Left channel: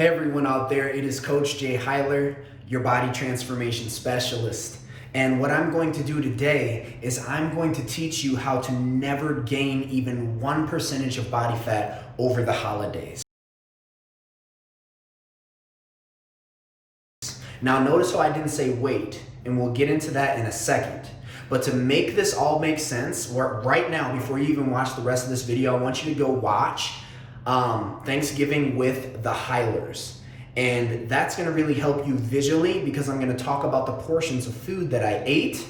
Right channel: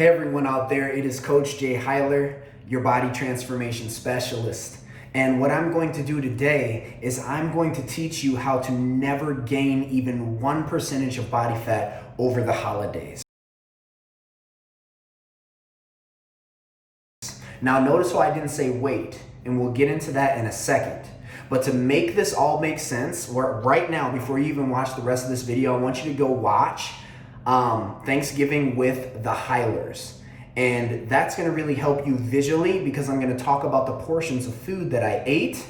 Hey everyone out there, it is Coach Jay Hyler, your body transformation specialist. And what I'm going to do today is I'm going to teach you how to never gain even 1% of body fat over the holidays. Now notice how I didn't say weight, and we'll get into that in a second. But to make this all make sense, right now, before you even watch the rest of this video, I want you to go watch Thanksgiving with the Hylers. And that's gonna really help you visually because I'm gonna talk about the portions of food that I ate,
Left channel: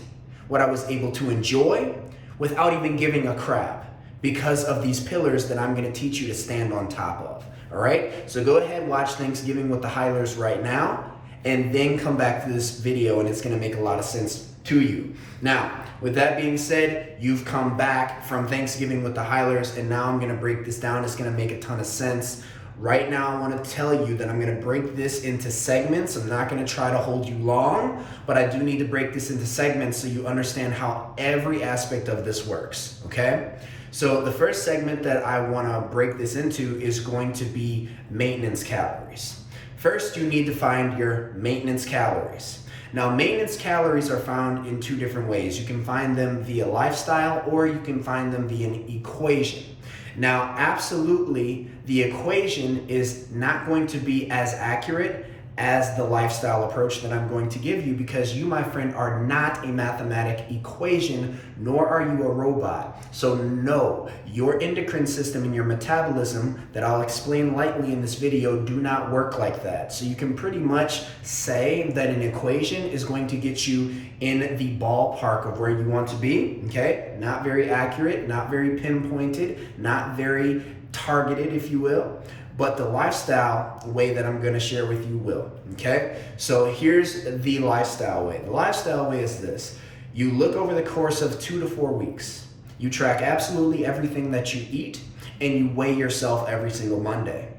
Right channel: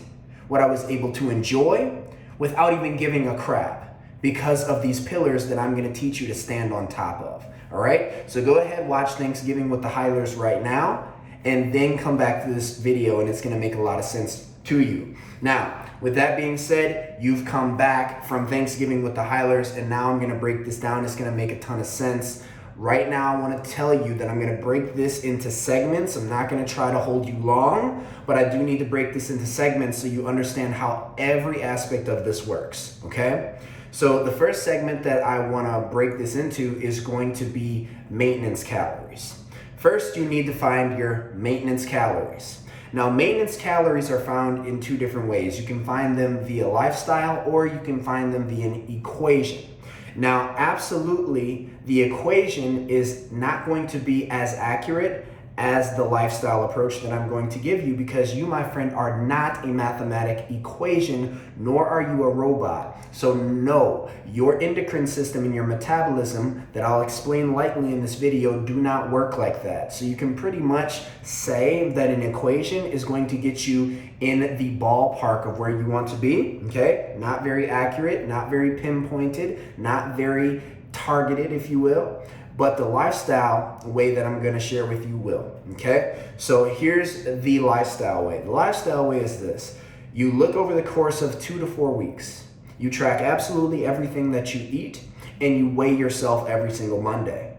what I was able to enjoy without even giving a crap because of these pillars that I'm gonna teach you to stand on top of, all right? So go ahead, watch Thanksgiving with the Hylers right now, and then come back to this video and it's gonna make a lot of sense to you. Now, with that being said, you've come back from Thanksgiving with the Hylers, and now I'm gonna break this down. It's gonna make a ton of sense. Right now, I wanna tell you that I'm gonna break this into segments. I'm not gonna try to hold you long, but I do need to break this into segments so you understand how every aspect of this works, okay? So the first segment that I wanna break this into is going to be maintenance calories. First, you need to find your maintenance calories. Now, maintenance calories are found in two different ways. You can find them via lifestyle or you can find them via an equation. Now, absolutely, the equation is not going to be as accurate as the lifestyle approach that I'm going to give you because you, my friend, are not a mathematic equation, nor are you a robot. So no, your endocrine system and your metabolism that I'll explain lightly in this video do not work like that. So you can pretty much say that an equation is going to get you in the ballpark of where you want to be, okay? Not very accurate, not very pinpointed, not very targeted, if you will. But the lifestyle way that I'm gonna share with you will, okay? So here's the lifestyle way. The lifestyle way is this. You look over the course of 2 to 4 weeks. You track absolutely everything that you eat and you weigh yourself every single Monday.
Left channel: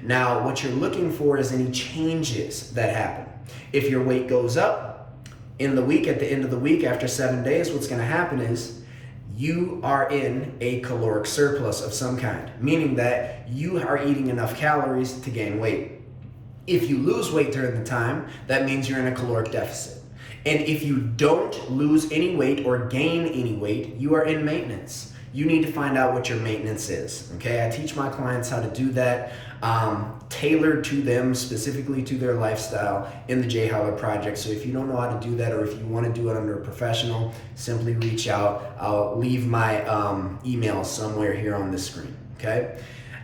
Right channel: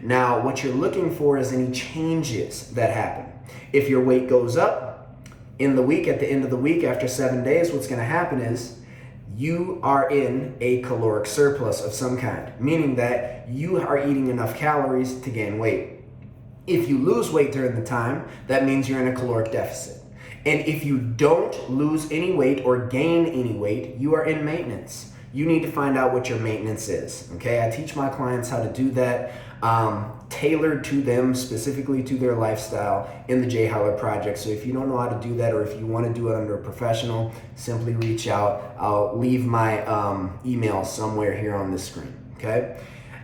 Now, what you're looking for is any changes that happen. If your weight goes up in the week, at the end of the week, after 7 days, what's gonna happen is you are in a caloric surplus of some kind, meaning that you are eating enough calories to gain weight. If you lose weight during the time, that means you're in a caloric deficit. And if you don't lose any weight or gain any weight, you are in maintenance. You need to find out what your maintenance is, okay? I teach my clients how to do that, tailored to them, specifically to their lifestyle in the Jay Hyler Project. So if you don't know how to do that, or if you want to do it under a professional, simply reach out. I'll leave my email somewhere here on the screen, okay?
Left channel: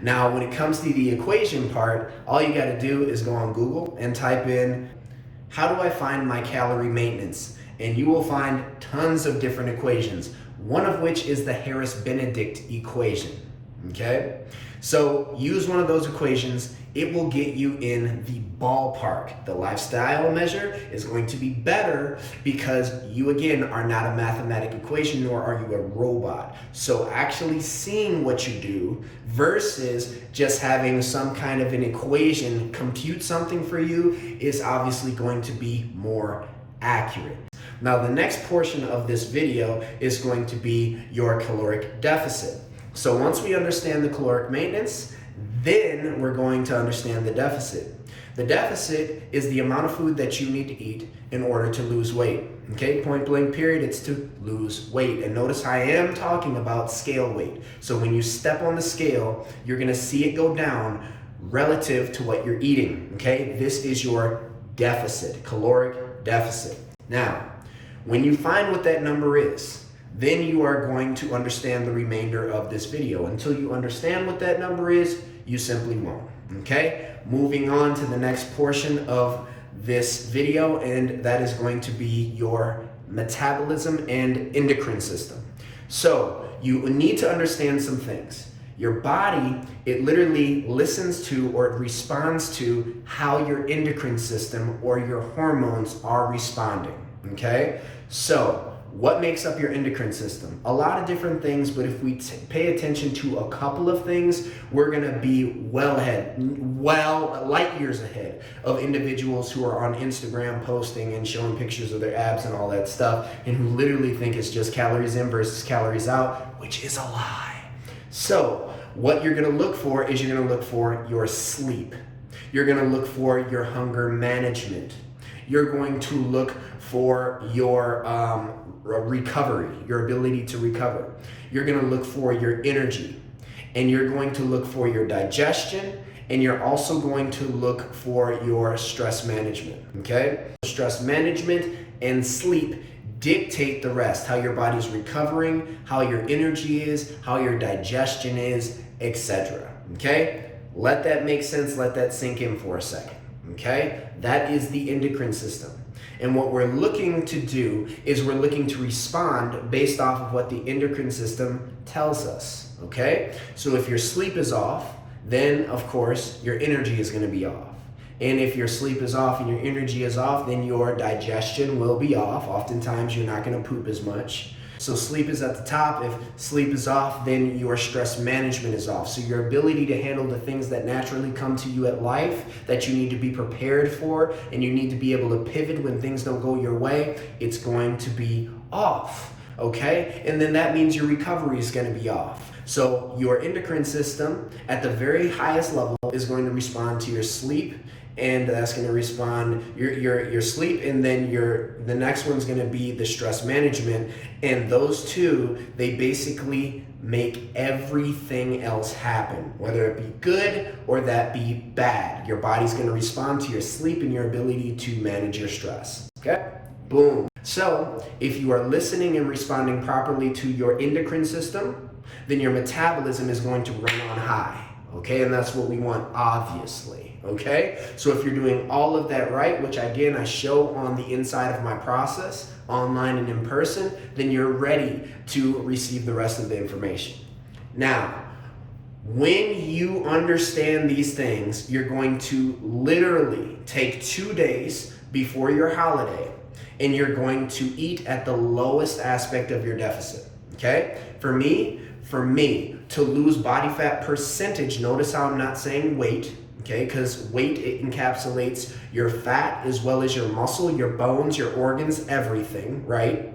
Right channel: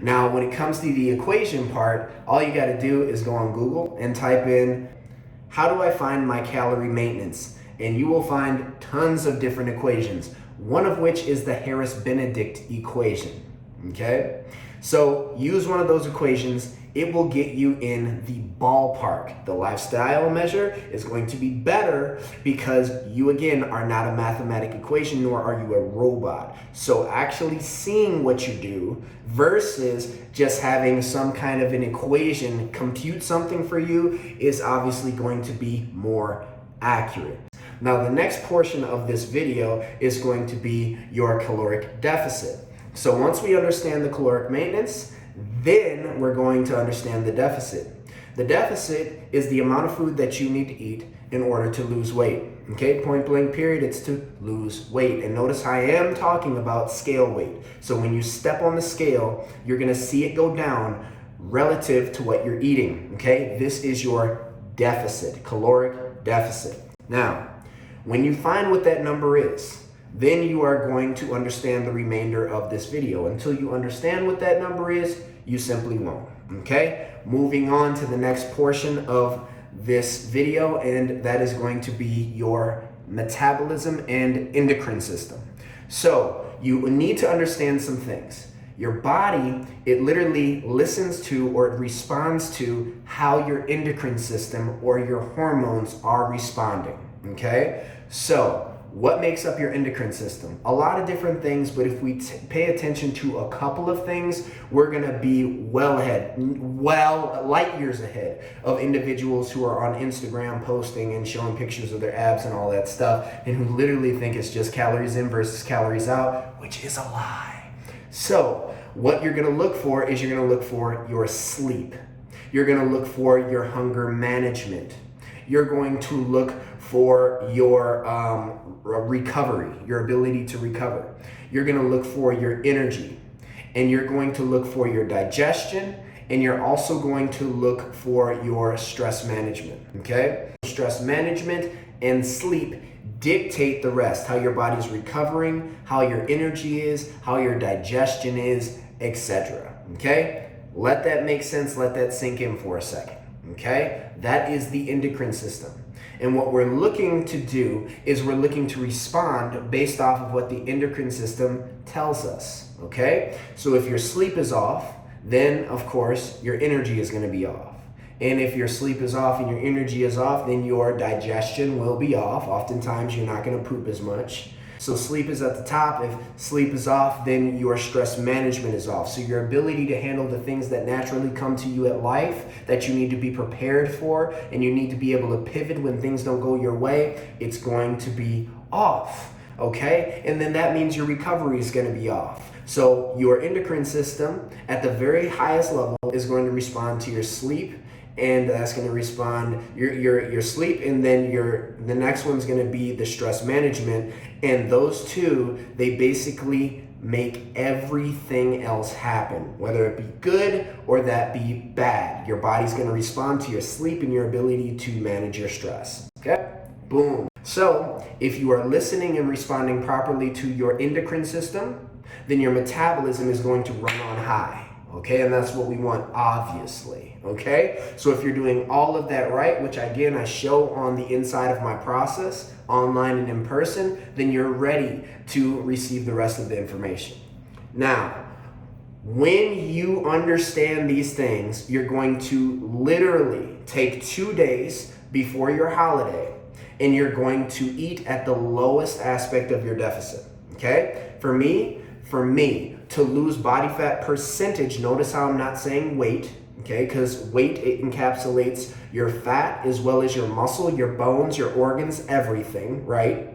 Now, when it comes to the equation part, all you got to do is go on Google and type in, how do I find my calorie maintenance? And you will find tons of different equations, one of which is the Harris-Benedict equation, okay? So use one of those equations, it will get you in the ballpark. The lifestyle measure is going to be better because you, again, are not a mathematic equation, nor are you a robot. So actually seeing what you do versus just having some kind of an equation compute something for you is obviously going to be more accurate. Now, the next portion of this video is going to be your caloric deficit. So once we understand the caloric maintenance, then we're going to understand the deficit. The deficit is the amount of food that you need to eat in order to lose weight. Okay, point blank period, it's to lose weight. And notice I am talking about scale weight. So when you step on the scale, you're gonna see it go down relative to what you're eating, okay? This is your deficit, caloric deficit. Now, when you find what that number is, then you are going to understand the remainder of this video. Until you understand what that number is, you simply won't, okay? Moving on to the next portion of this video, and that is going to be your metabolism and endocrine system. So you need to understand some things. Your body, it literally listens to or it responds to how your endocrine system or your hormones are responding, okay? So what makes up your endocrine system? A lot of different things, but if we pay attention to a couple of things, we're gonna be light years ahead of individuals who are on Instagram posting and showing pictures of their abs and all that stuff, and who literally think it's just calories in versus calories out, which is a lie. So what you're gonna look for is you're gonna look for your sleep. You're going to look for your hunger management. You're going to look for your recovery, your ability to recover. You're going to look for your energy, and you're going to look for your digestion, and you're also going to look for your stress management, okay? Stress management and sleep dictate the rest, how your body's recovering, how your energy is, how your digestion is, etc. Okay? Let that make sense, let that sink in for a second. Okay? That is the endocrine system. And what we're looking to do is we're looking to respond based off of what the endocrine system tells us. Okay? So if your sleep is off, then of course your energy is going to be off. And if your sleep is off and your energy is off, then your digestion will be off. Oftentimes you're not going to poop as much. So sleep is at the top. If sleep is off, then your stress management is off. So your ability to handle the things that naturally come to you at life that you need to be prepared for, and you need to be able to pivot when things don't go your way, it's going to be off. Okay? And then that means your recovery is going to be off. So your endocrine system at the very highest level is going to respond to your sleep, and that's going to respond your sleep, and then the next one's going to be the stress management, and those two, they basically make everything else happen, whether it be good or that be bad. Your body's going to respond to your sleep and your ability to manage your stress. Okay? Boom. So if you are listening and responding properly to your endocrine system, then your metabolism is going to run on high. Okay, and that's what we want, obviously. Okay, so if you're doing all of that right, which again I show on the inside of my process, online and in person, then you're ready to receive the rest of the information. Now, when you understand these things, you're going to literally take 2 days before your holiday, and you're going to eat at the lowest aspect of your deficit. Okay, for me, to lose body fat percentage, notice how I'm not saying weight, okay? Because weight, it encapsulates your fat as well as your muscle, your bones, your organs, everything, right?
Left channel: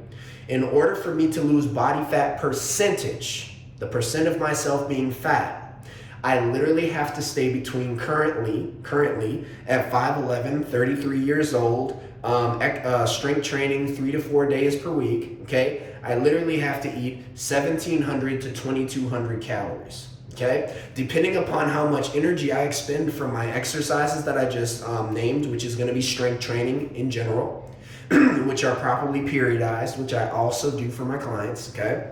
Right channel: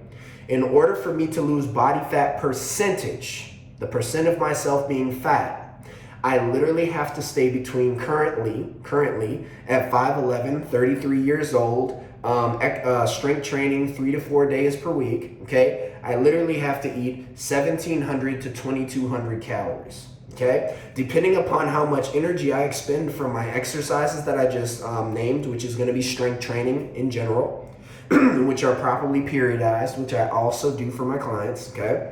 In order for me to lose body fat percentage, the percent of myself being fat, I literally have to stay between currently at 5'11", 33 years old, strength training 3 to 4 days per week, okay? I literally have to eat 1,700 to 2,200 calories, okay? Depending upon how much energy I expend from my exercises that I just named, which is gonna be strength training in general, which are properly periodized, which I also do for my clients, okay?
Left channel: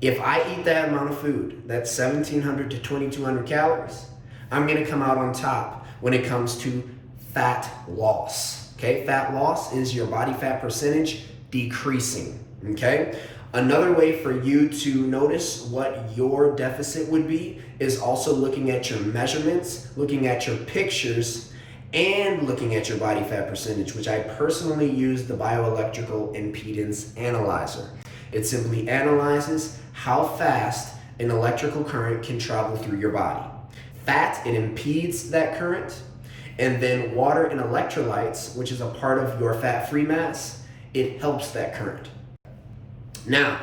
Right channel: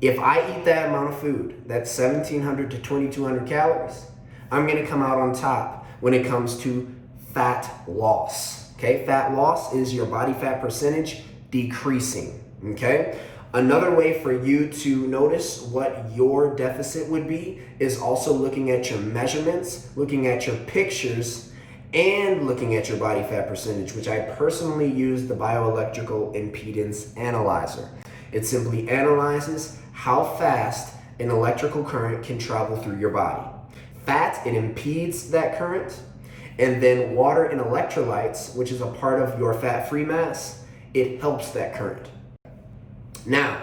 If I eat that amount of food, that's 1,700 to 2,200 calories, I'm gonna come out on top when it comes to fat loss, okay? Fat loss is your body fat percentage decreasing, okay? Another way for you to notice what your deficit would be is also looking at your measurements, looking at your pictures, and looking at your body fat percentage, which I personally use the bioelectrical impedance analyzer. It simply analyzes how fast an electrical current can travel through your body. Fat, it impedes that current, and then water and electrolytes, which is a part of your fat-free mass, it helps that current. Now,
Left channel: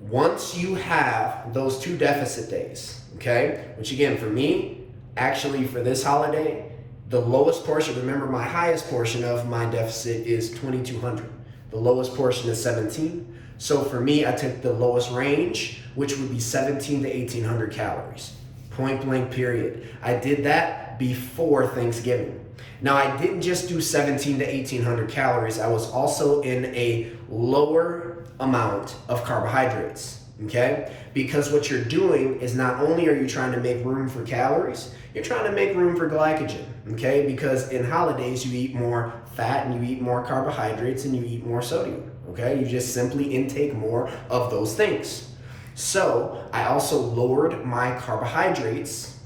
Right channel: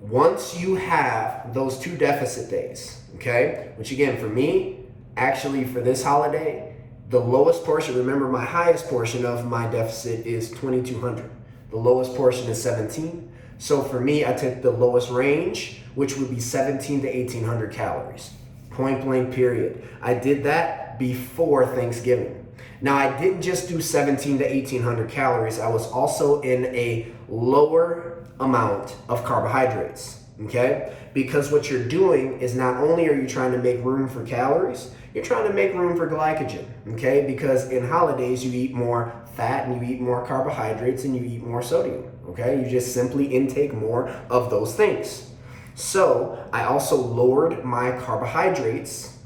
once you have those 2 deficit days, okay, which again, for me, actually for this holiday, the lowest portion, remember my highest portion of my deficit is 2,200. The lowest portion is 17. So for me, I took the lowest range, which would be 17 to 1,800 calories. Point blank period. I did that before Thanksgiving. Now, I didn't just do 17 to 1,800 calories. I was also in a lower amount of carbohydrates, okay? Because what you're doing is not only are you trying to make room for calories, you're trying to make room for glycogen, okay? Because in holidays, you eat more fat and you eat more carbohydrates and you eat more sodium, okay? You just simply intake more of those things. So I also lowered my carbohydrates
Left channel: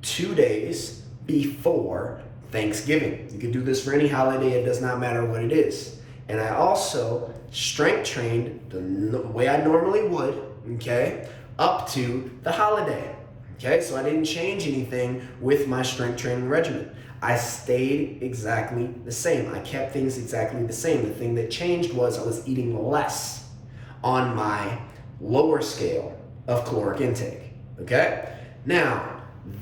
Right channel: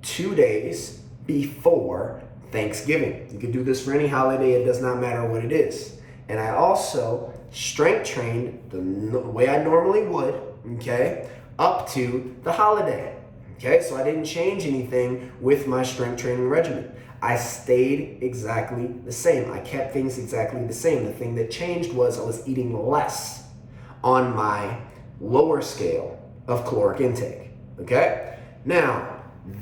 2 days before Thanksgiving. You can do this for any holiday, it does not matter what it is. And I also strength trained the way I normally would, okay, up to the holiday. Okay, so I didn't change anything with my strength training regimen. I stayed exactly the same. I kept things exactly the same. The thing that changed was I was eating less on my lower scale of caloric intake. Okay? Now,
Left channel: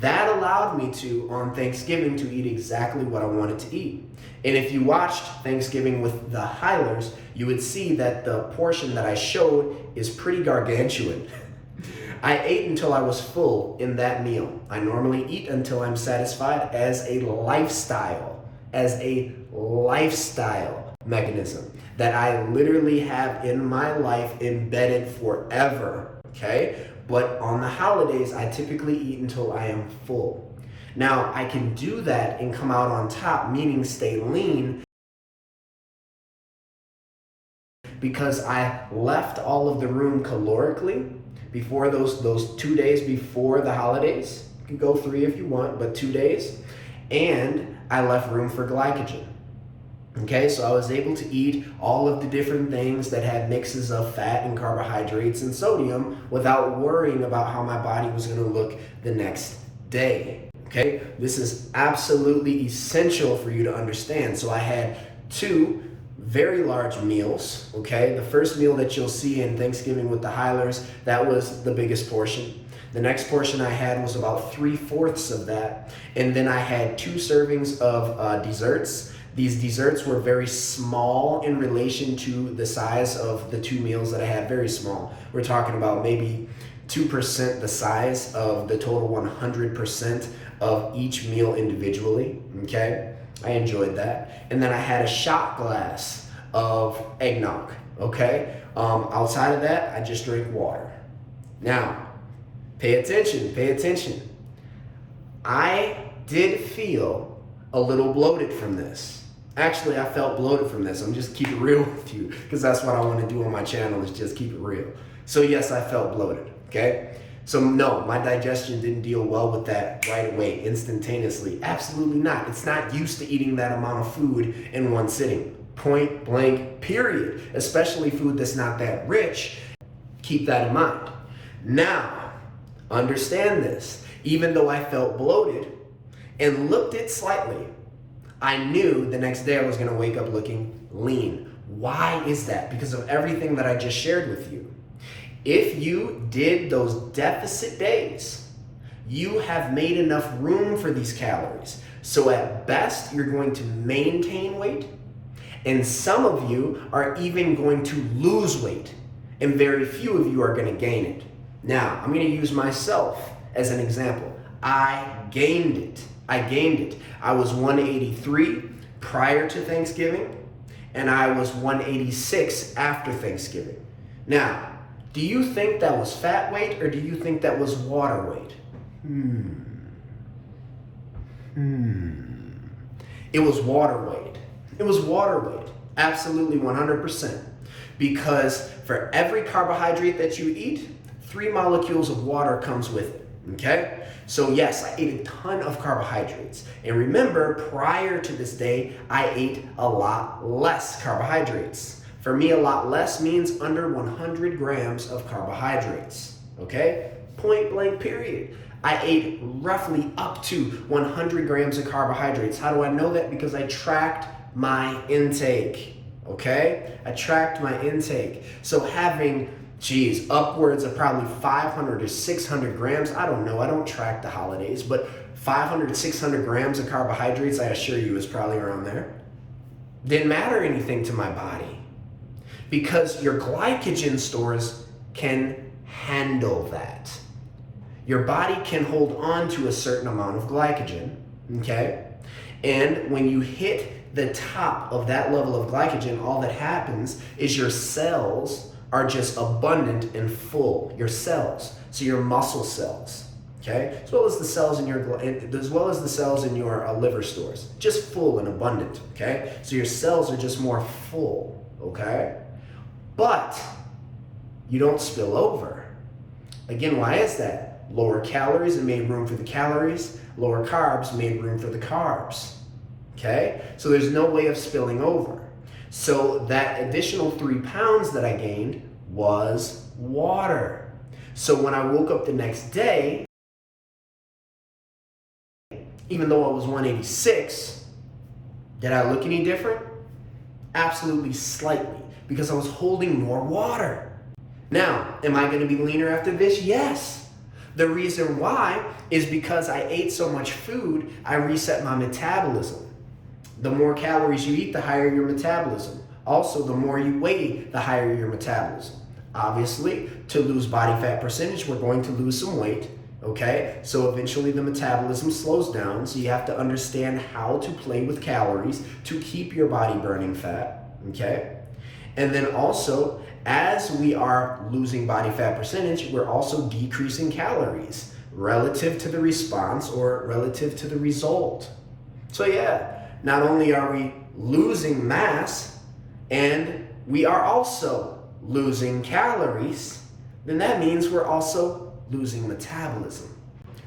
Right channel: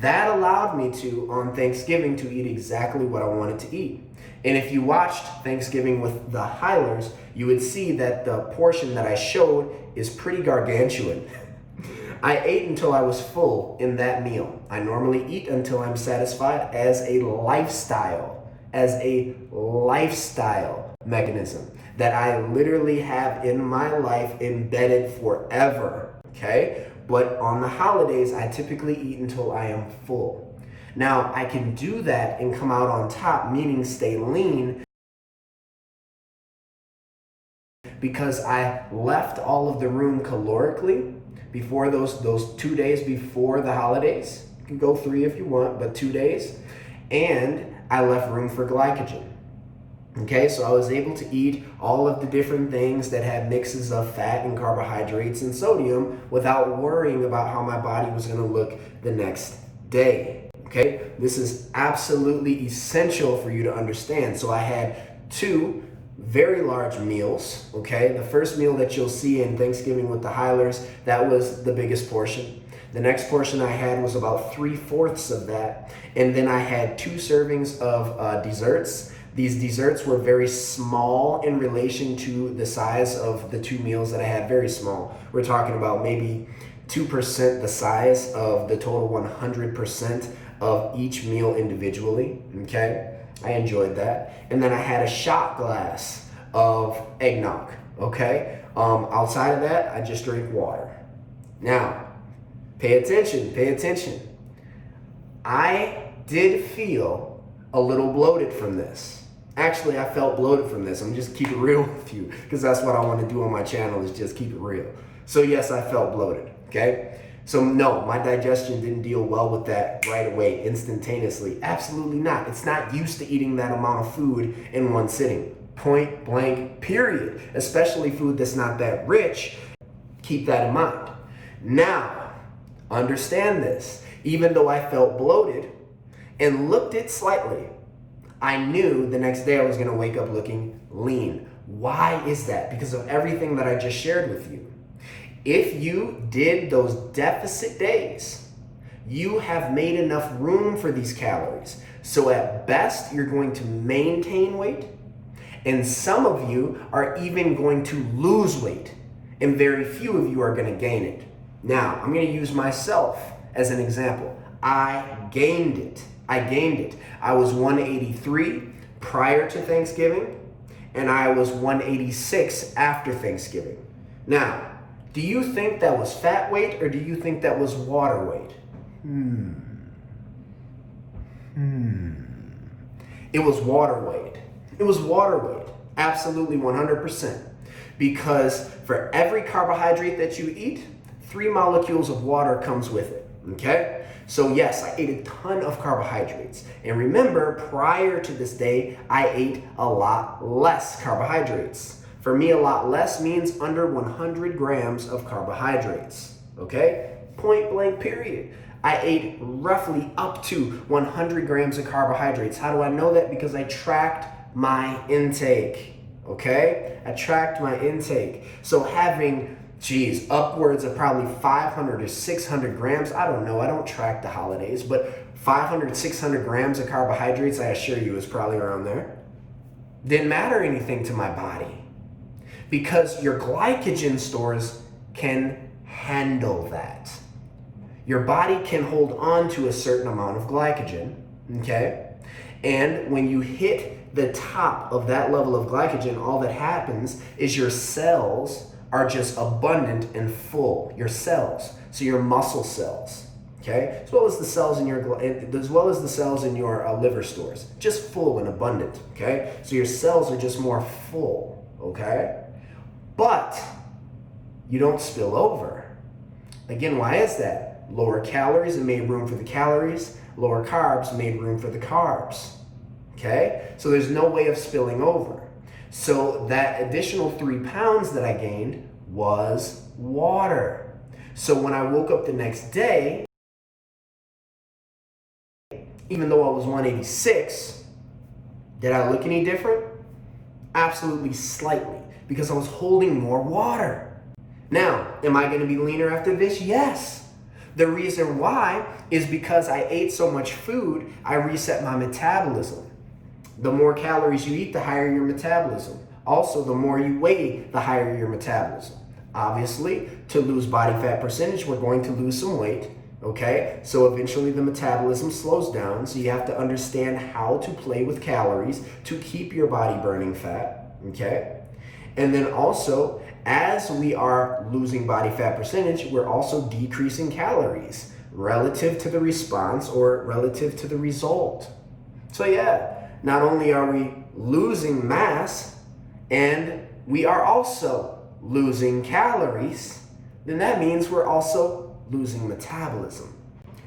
that allowed me to, on Thanksgiving, to eat exactly what I wanted to eat. And if you watched Thanksgiving with the Hylers, you would see that the portion that I showed is pretty gargantuan. I ate until I was full in that meal. I normally eat until I'm satisfied as a lifestyle mechanism that I literally have in my life embedded forever, okay? But on the holidays, I typically eat until I am full. Now, I can do that and come out on top, meaning stay lean, because I left all of the room calorically before those 2 days before the holidays. You can go 3 if you want, but 2 days. And I left room for glycogen. Okay, so I was able to eat all of the different things that had mixes of fat and carbohydrates and sodium without worrying about how my body was going to look the next day. Okay, this is absolutely essential for you to understand. So I had 2 very large meals. Okay, the first meal that you'll see in Thanksgiving with the Hylers, that was the biggest portion. The next portion I had was about 3/4 of that. And then I had 2 servings of desserts. These desserts were very small in relation to the size of the 2 meals that I had, very small. We're talking about maybe 2% the size of the total 100% of each meal individually, okay? I enjoyed that. And then I had a shot glass of eggnog, okay? Outside of that, I just drink water. Now, pay attention. I did feel a little bloated from this. Actually, I felt bloated from this. I'm just keep it real with you, because that's what I want to do on my channel, is just keep it real. So yes, I felt bloated, okay? So no, my digestion didn't deal well with that right away, instantaneously. Absolutely not. It's not used to eating that amount of food in one sitting. Point blank, period. Especially food that's not that rich. Keep that in mind. Now, understand this. Even though I felt bloated and looked it slightly, I knew the next day I was going to wake up looking lean. Why is that? Because of everything that I just shared with you. If you did those deficit days, you have made enough room for these calories. So at best, you're going to maintain weight, and some of you are even going to lose weight, and very few of you are going to gain it. Now, I'm going to use myself as an example. I gained it. I was 183 prior to Thanksgiving, and I was 186 after Thanksgiving. Now, do you think that was fat weight, or do you think that was water weight? It was water weight. It was water weight. Absolutely 100%. Because for every carbohydrate that you eat, 3 molecules of water comes with it. Okay? So yes, I ate a ton of carbohydrates. And remember, prior to this day, I ate a lot less carbohydrates. For me, a lot less means under 100 grams of carbohydrates, okay? Point blank, period. I ate roughly up to 100 grams of carbohydrates. How do I know that? Because I tracked my intake, okay? I tracked my intake. So having, upwards of probably 500 or 600 grams, I don't know, I don't track the holidays, but 500, 600 grams of carbohydrates, I assure you, is probably around there. Didn't matter anything to my body. Because your glycogen stores can handle that. Your body can hold on to a certain amount of glycogen, okay? And when you hit the top of that level of glycogen, all that happens is your cells are just abundant and full. Your cells, so your muscle cells, okay? As well as the cells in your liver stores, just full and abundant, okay? So your cells are just more full, okay? But you don't spill over. Again, why is that? Lower calories, it made room for the calories. Lower carbs made room for the carbs. Okay? So there's no way of spilling over. So that additional 3 pounds that I gained was water. So when I woke up the next day, even though I was 186, did I look any different? Absolutely slightly, because I was holding more water. Now, am I going to be leaner after this? Yes. The reason why is because I ate so much food, I reset my metabolism. The more calories you eat, the higher your metabolism. Also, the more you weigh, the higher your metabolism. Obviously, to lose body fat percentage, we're going to lose some weight, okay? So eventually the metabolism slows down, so you have to understand how to play with calories to keep your body burning fat, okay? And then also, as we are losing body fat percentage, we're also decreasing calories relative to the response or relative to the result. So yeah, not only are we losing mass and we are also losing calories, then that means we're also losing metabolism.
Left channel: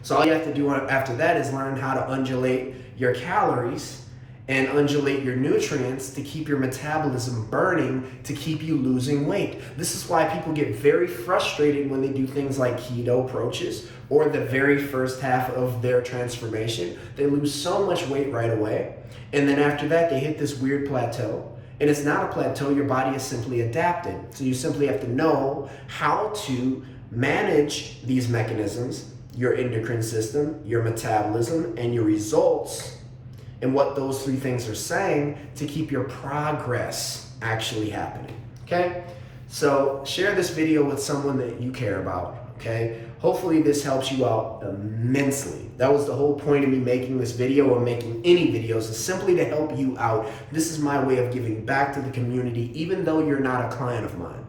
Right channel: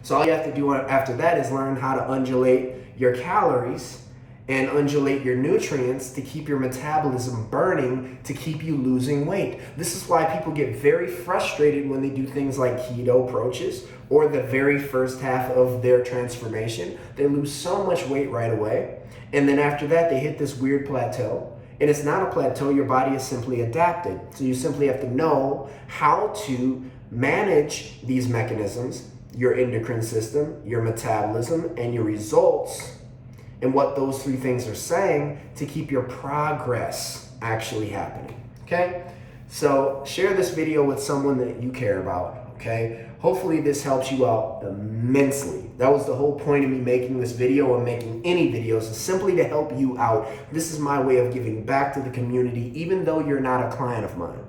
So all you have to do after that is learn how to undulate your calories and undulate your nutrients to keep your metabolism burning, to keep you losing weight. This is why people get very frustrated when they do things like keto approaches or the very first half of their transformation. They lose so much weight right away, and then after that they hit this weird plateau. And it's not a plateau, your body is simply adapted. So you simply have to know how to manage these mechanisms, your endocrine system, your metabolism, and your results, and what those three things are saying to keep your progress actually happening, okay? So share this video with someone that you care about, okay? Hopefully this helps you out immensely. That was the whole point of me making this video or making any videos, is simply to help you out. This is my way of giving back to the community, even though you're not a client of mine.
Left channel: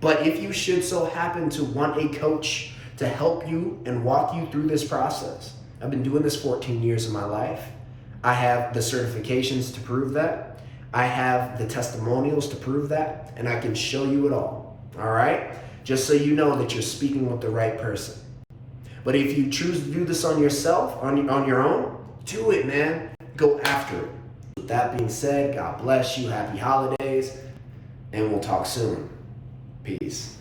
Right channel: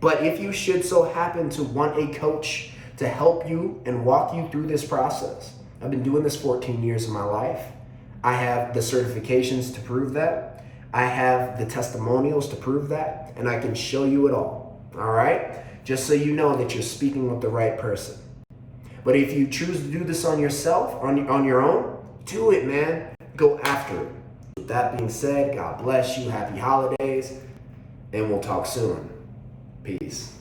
But if you should so happen to want a coach to help you and walk you through this process, I've been doing this 14 years of my life. I have the certifications to prove that. I have the testimonials to prove that, and I can show you it all right? Just so you know that you're speaking with the right person. But if you choose to do this on yourself, on your own, do it, man. Go after it. With that being said, God bless you, happy holidays, and we'll talk soon. Peace.